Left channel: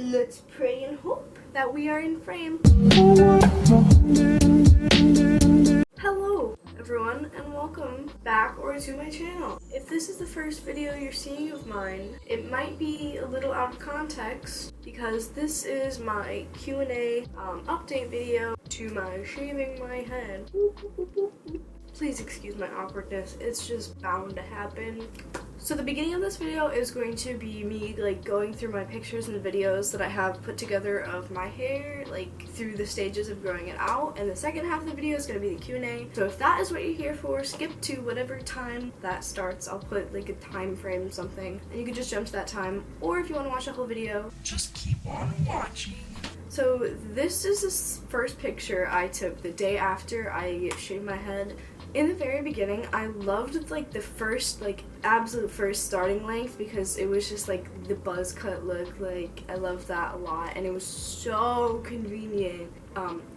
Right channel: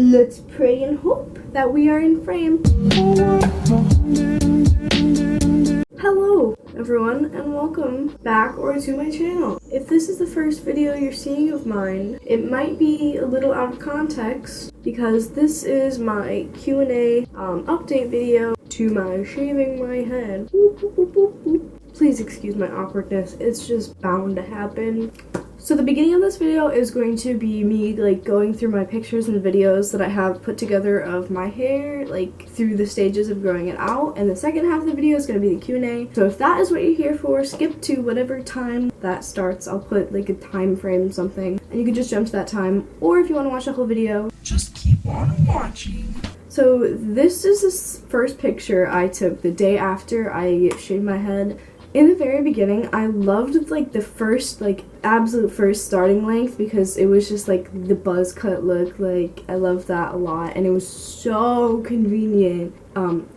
Let's pray and hope that we are in frame. Hello everyone and welcome back to my channel. If this is the first video you're seeing of mine, it might be a little out of context because this is my Q&A update video to my shaving my head. Please excuse my awkwardness, it's just bound to happen. So the beginning of this video is going to be me going through my pictures and videos that I have put together of my hair through the stages of growing it out, and the second half of the video is going to be the Q&A. So if that is what you're here for, skip to whatever time that starts. I'll put a time frame something and you can just jump to that time, or if you want to watch the whole video, just keep on watching. So this is the first picture I took the day after I shaved my head. In the very beginning, I loved the first absolute first starting length because it was just the buzz cut look. I loved that a lot and it was so convenient.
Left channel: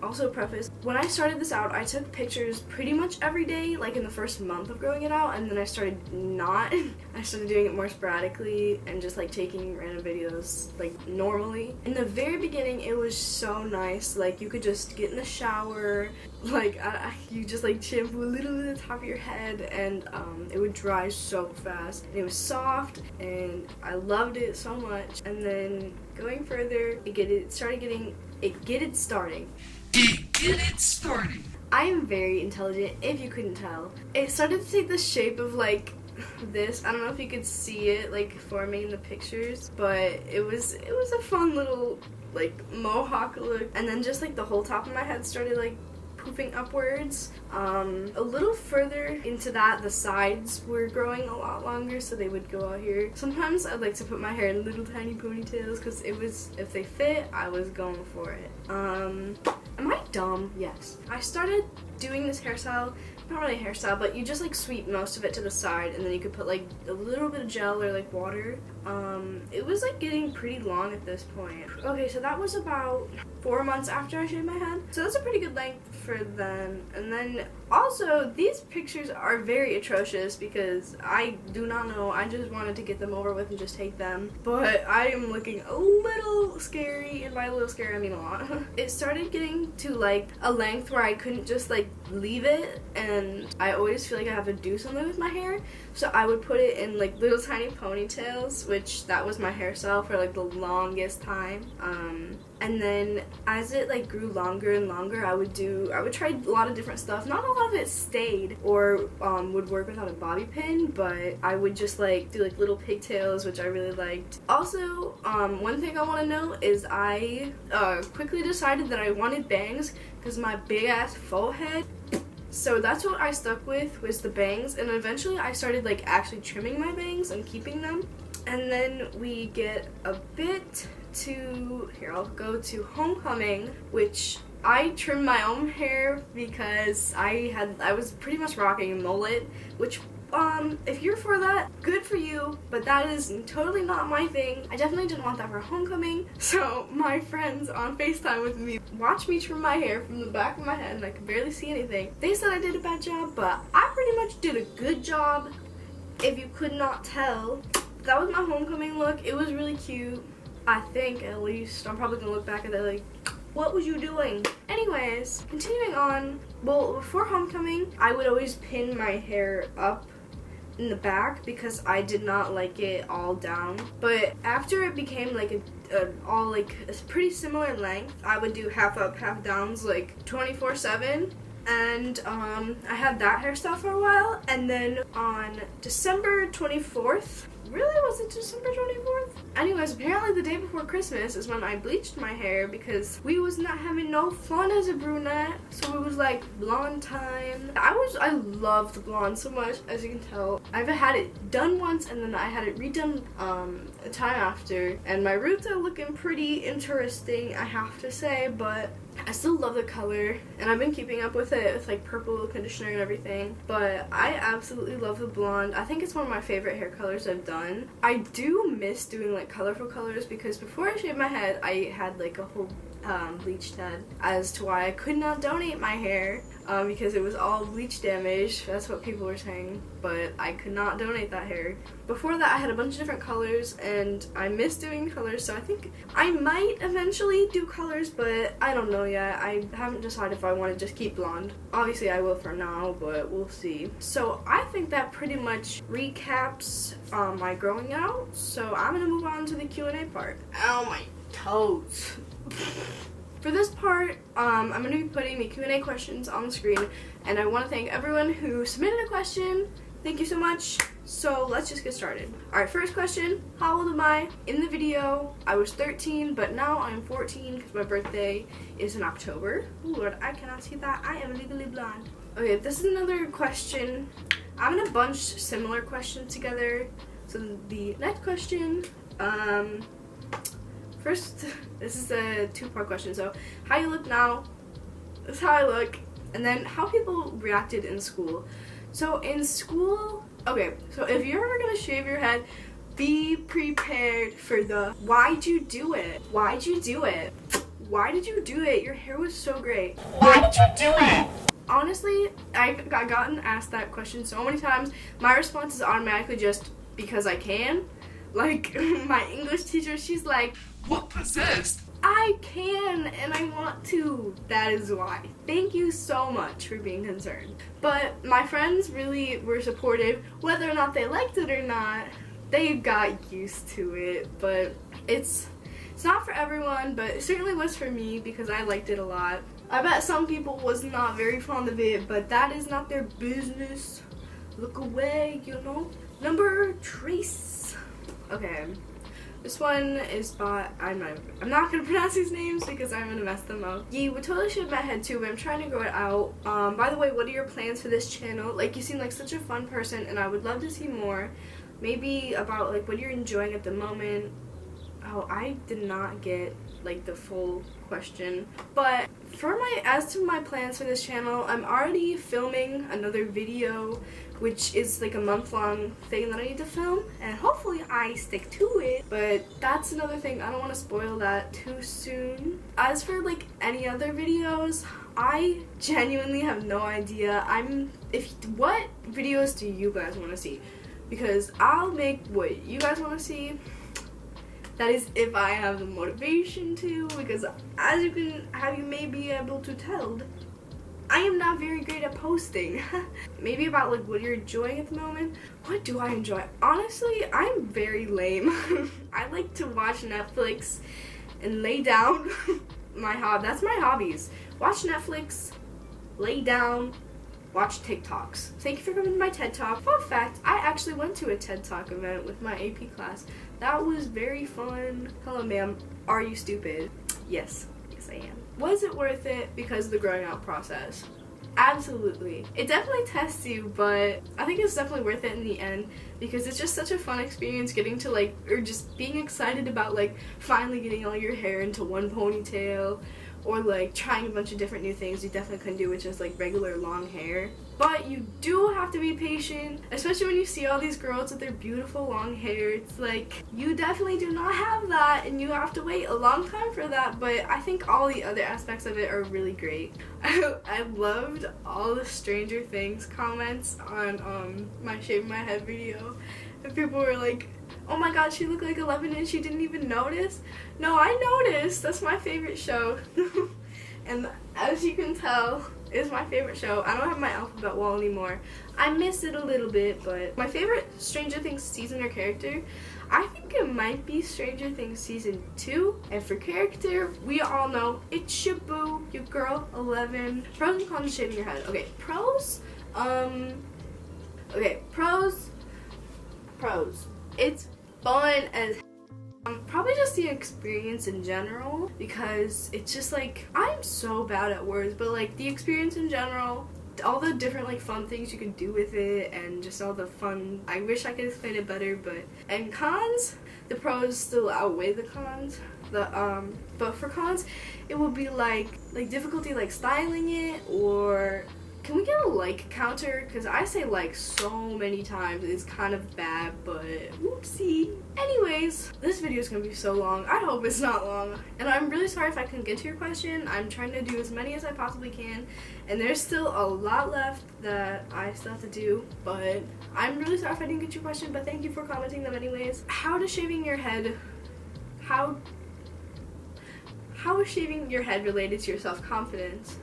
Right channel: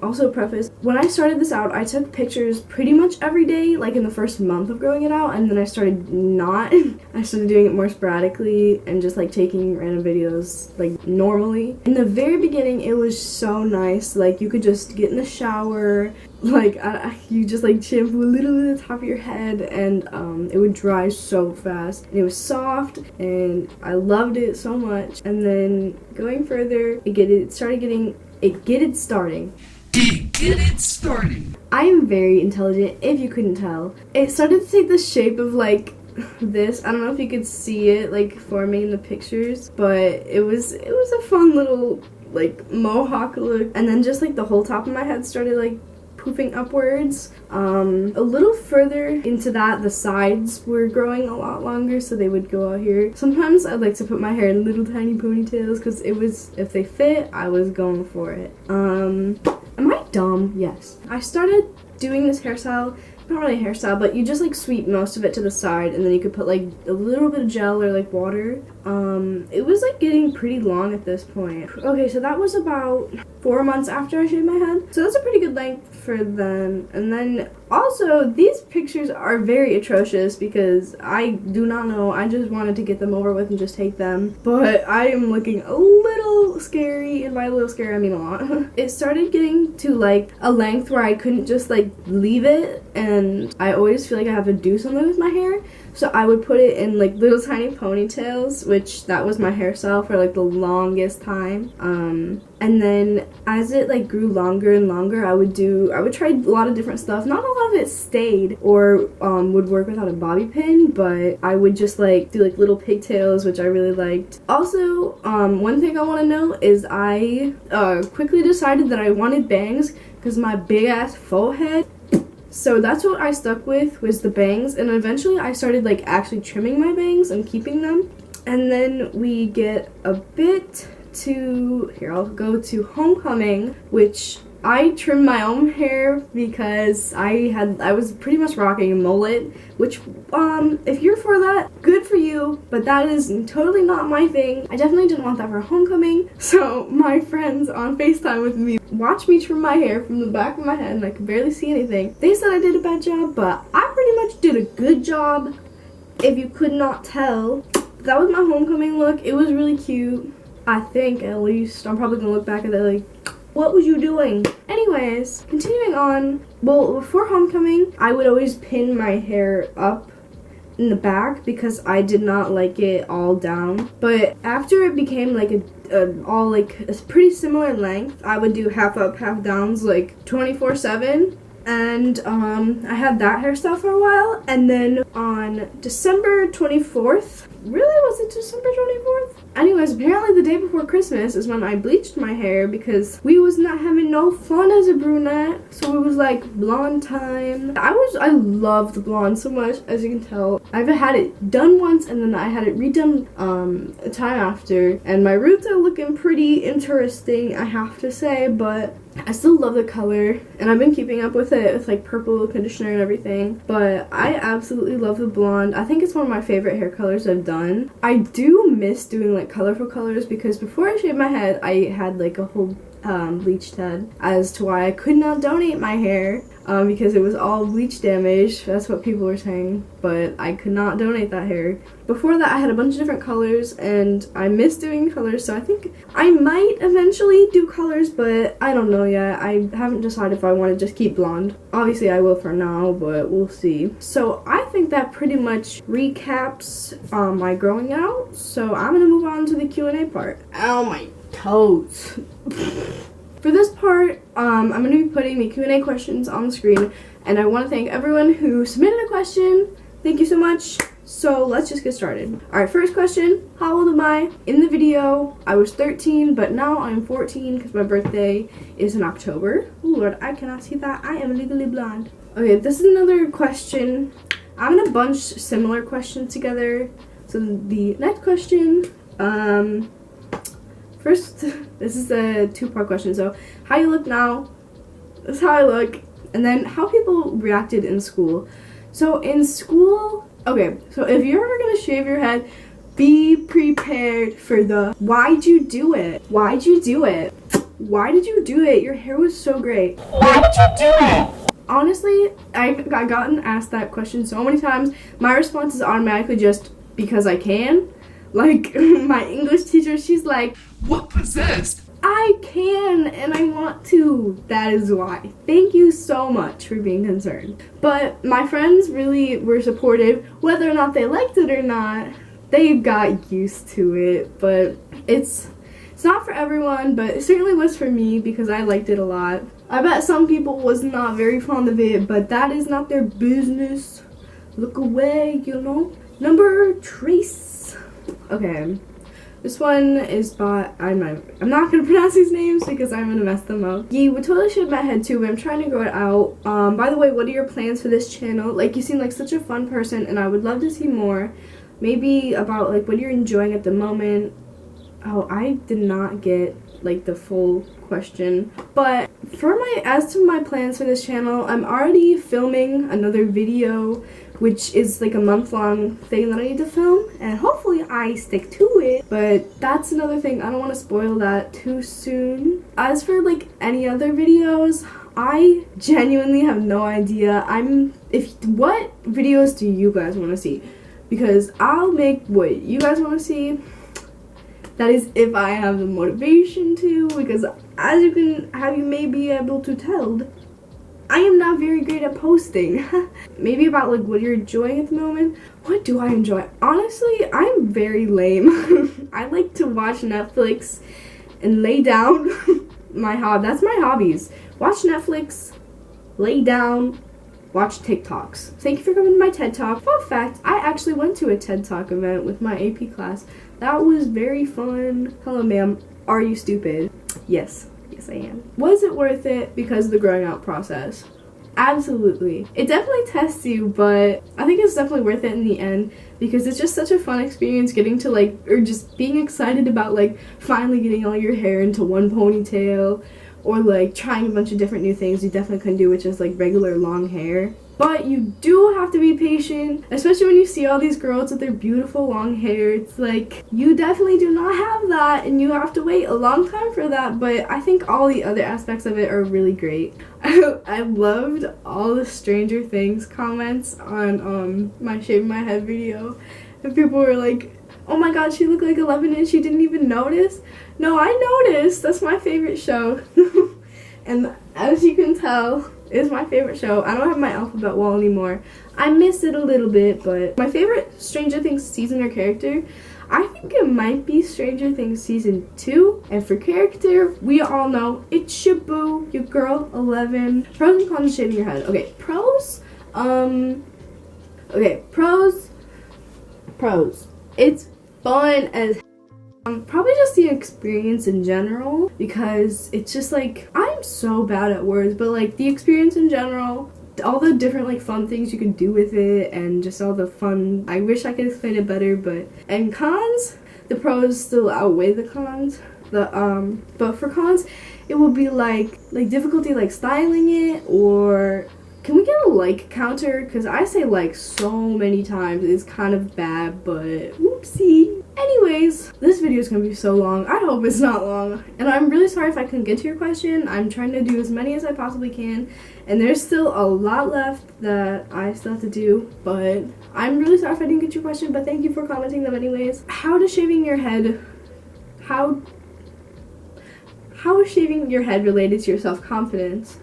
Also preface, when I started this out, I took pictures pretty much every day in the first month of growing it out, and then I started not. I started doing it more sporadically and just taking random videos normally. In the very beginning, it was so nice. You could just get in the shower, you just shampoo a little bit at the top of your head, and it would dry so fast, and it was soft and I loved it so much. And then going further, it starting. I am very intelligent, if you couldn't tell. It started to take the shape of this. I don't know if you could see it forming in the pictures, but it was a fun little mohawk look. And then just the whole top of my head started poofing upwards. A little further into that, the sides were growing a lot longer, so they would go out here. Sometimes I'd like to put my hair in little tiny ponytails because if they fit, I was going for it. Am I dumb? Yes. I started doing this hairstyle, not really a hairstyle, but you just sweep most of it to the side, and then you could put a little bit of gel or water. It was getting pretty long at this point. Okay, so that was about 4 months after I shaved my head, so that's a pretty good length for then. And then also, these pictures are very atrocious because I do not know, I just wanted to get them over with and just take them, but I am looking a little scary, and by a little scary I mean a lot. It started getting to a length where I couldn't just leave it, and I always feel I have to do something with my hair, so I would put it in little tiny ponytails, which that was my hairstyle for the longest time. And then as it grew longer and longer, I would try a lot of different stuff. Not a lot of it stayed or would work without a bobby pin, but I would just do little pigtails, which I really liked. Also, one thing I want to know is I quickly decided that I wanted bangs because my big ass forehead. So that's what I stuck with, was the bangs, and eventually I started actually trimming my bangs and keeping them. And then we get a bit to, here I'll go to homecoming, which I trimmed my own hair because I was pretty much rocking a mullet, which if you're for that, good for you, but that is totally not my thing. I definitely didn't want that for homecoming, so my friends on FaceTime with me watched me trim my hair from the back of my head and I could barely see anything. They said I did a bad job, but I pretty much did a good job, if you could not tell. That was my homecoming look. It was really cute, I think, at least. I'm probably gonna look back at that what was you doing? Anyways, continuing on. Well, before homecoming, I would always pin my hair up in the back because I did not like it all down. But after it became a pretty similar length, I would do half up, half downs 24/7. And I had that hairstyle for a while, and then on December 24th, really, was it December 24th? Anyways, apparently the day before Christmas is when I bleached my hair because we was not having no fun as a brunette, so it was blonde time. I love the blonde so much, as you can tell. I've had it done once and then I had it redone a time after, and my roots are looking pretty interesting, I have to say, but I still love the color, and I've been keeping up with it with purple conditioner and everything, but I absolutely love the blonde. I think it's one of my favorite hair colors I've done. I do miss doing colorful colors because before I shaved my head, I had a whole bleached head as to why I could not donate my hair because it was all bleach damage. That's what people were saying, but I could not donate that hair. Before that, I had a bunch of different colors, and I miss doing colors, so I think I might eventually do colors, but I don't know yet. I haven't decided if I want to just keep blonde. Obviously, I will for now, but we'll see. So I think that pretty much recaps my growing out, so I'm gonna move on to the Q&A part. Ow, my toes. For this part, I'm going to be putting the Q&A questions on the screen, and I want to thank everyone who submitted a question. Thank you so much. So let's just get started. Alright, first question. How old am I? In the video, I was 13, but now I'm 14 because my birthday is in October. Ooh, Lord, I cannot see that. I am legally blind. Okay, this is another question. I'm going to bunch similar questions together. So the next question, first, this is a two-part question. So, how you look now, that's how I look, and then how people reacted in school. So, in school, okay, so if you're ever gonna shave your head, be prepared for the, why'd you do it? Why'd you do it? Why did you do it? Your hair was so great. Why'd you do it? Honestly, I've gotten asked that question so many times. My response is automatically just, because I can. Like, my English teacher, she's like, what possessed? I can and I want to. That is why. Thank you so much for being concerned. But my friends really were supportive. Whether or not they liked it or not, they got used to it. But it's not for everyone, but it certainly was for me because I liked it a lot. I bet some people was not very fond of it, but that is not their business. Look away, you know. Number trace. Okay. This one is by, I'm not going to pronounce these names because I'm going to mess them up. Yeah, we totally shaved my head too, but I'm trying to grow it out. By the way, what are your plans for this channel? Like, you seem like such a fun person, and I would love to see more. Maybe about, like, what you're enjoying at the moment. Oh, I did not get, like, the full question. But as to my plans for this channel, I'm already filming another video, which is like a month-long thing that I need to film, and hopefully I stick to it. But that's another thing. I don't want to spoil that too soon. As for like any other videos, I genuinely have no idea. What videos do you guys want to see? Because I'll make what you guys want to see. That is if I have the motivation to, because as you may be able to tell, I am not very great at posting. Maybe about like what you're enjoying at the moment. What do I enjoy? Honestly, I'm very lame. I like to watch Netflix and lay down. That's my hobbies. Watch Netflix, lay down, watch TikToks. Thank you for coming to my TED Talk. Fun fact, I actually went to a TED Talk event with my AP class. That was very fun. Hello, ma'am. Are you stupid? Yes. Yes, I am. Was it worth it because of the growing out process? Absolutely. It definitely tests you, but I think it's definitely worth it in the end because it's just such a fun experience getting to or just being excited about like finally getting all your hair into one ponytail, or like trying a bunch of different new things you definitely couldn't do with just like regular long hair. But you do have to be patient, especially when you see all these girls with their beautiful long hair. It's like, you definitely do not have that, and you have to wait a long time for that, but I think all the other aspects of it are really great. I loved all the Stranger Things comments on my shaving my head video, and people were like, oh my god, she looked like 11 and she didn't even notice. No, I noticed. That's my favorite show. And as you can tell, it's my favorite show. I don't have my alphabet wall anymore. I miss it a little bit, but my favorite Stranger Things season or character, I think it might be Stranger Things season 2. And for character, we all know it's Shabu, your girl 11. Pros and cons of shaving your head. Okay, pros. Pros. It's fun as probably just the experience in general, because it's just like, I'm so bad at words, but like the experience in general, all the different like fun things you can do with it, and just all the fun, I wish I could explain it better, and cons, the pros still outweigh the cons. But for cons, it would be like difficulty like styling it, or Can we get a like counter? Because I say like so many times. It's kind of bad, but whoopsie. Anyways, this video is going to be so long. I hope it's not long. And I'm really sorry if I couldn't get to your question. I'm trying to do as many as I possibly can. And there's still a lot left that I still have to do. But I'm really sorry if I didn't get your question. But thank you for commenting them anyways. How is shaving your head related to your self-confidence?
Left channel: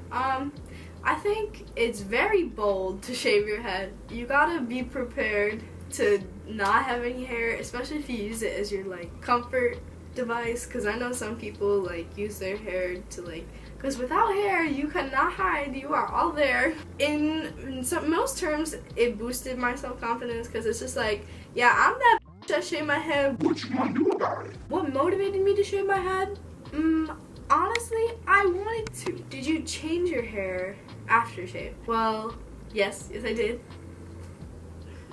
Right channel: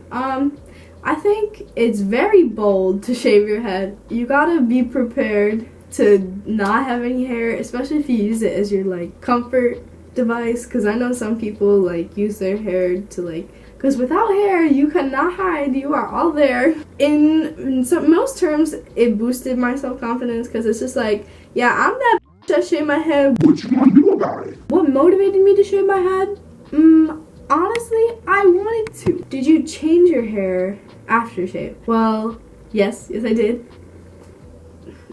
I think it's very bold to shave your head. You gotta be prepared to not have any hair, especially if you use it as your like comfort device, because I know some people like use their hair to like, because without hair you cannot hide, you are all there. In most terms, it boosted my self-confidence, because it's just like, yeah, I'm that that shave my head. What you gonna do about it? What motivated me to shave my head? Honestly, I wanted to. Did you change your hair after shave? Well, yes I did.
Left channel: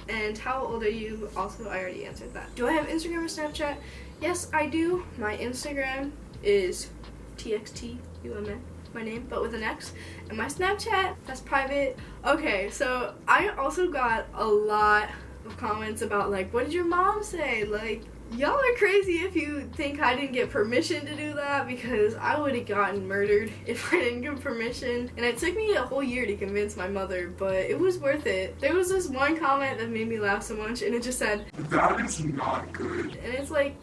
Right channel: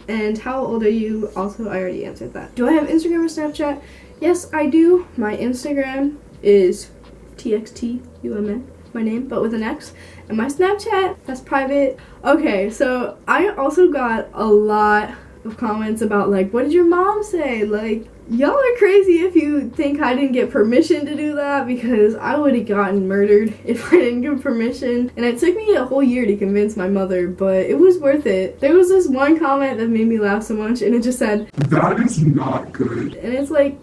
And how old are you? Also, I already answered that. Do I have Instagram or Snapchat? Yes, I do. My Instagram is TXTUMN, my name, but with an X. And my Snapchat, that's private. Okay, so I also got a lot of comments about like, what did your mom say? Like, y'all are crazy if you think I didn't get permission to do that, because I would have gotten murdered if I didn't give permission. And it took me a whole year to convince my mother, but it was worth it. There was this one comment that made me laugh so much, and it just said, "That is not good." And it's like,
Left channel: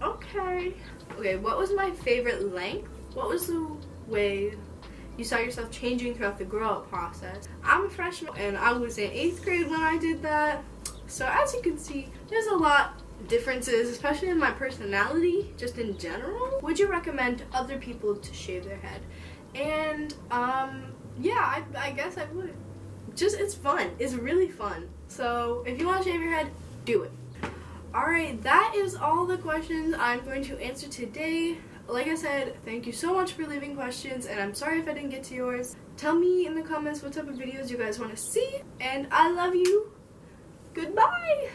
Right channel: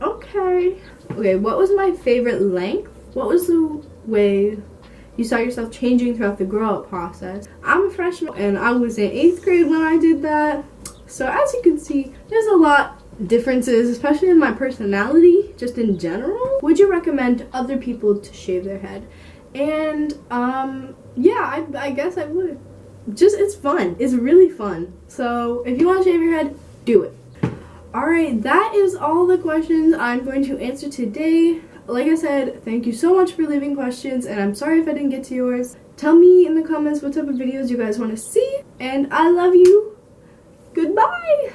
okay. Okay, what was my favorite length? What was the way you saw yourself changing throughout the grow-up process? I'm a freshman, and I was in 8th grade when I did that. So as you can see, there's a lot differences, especially in my personality, just in general. Would you recommend other people to shave their head? And yeah, I guess I would. Just, it's fun. It's really fun. So if you want to shave your head, do it. Alright, that is all the questions I'm going to answer today. Like I said, thank you so much for leaving questions, and I'm sorry if I didn't get to yours. Tell me in the comments what type of videos you guys want to see, and I love you. Goodbye!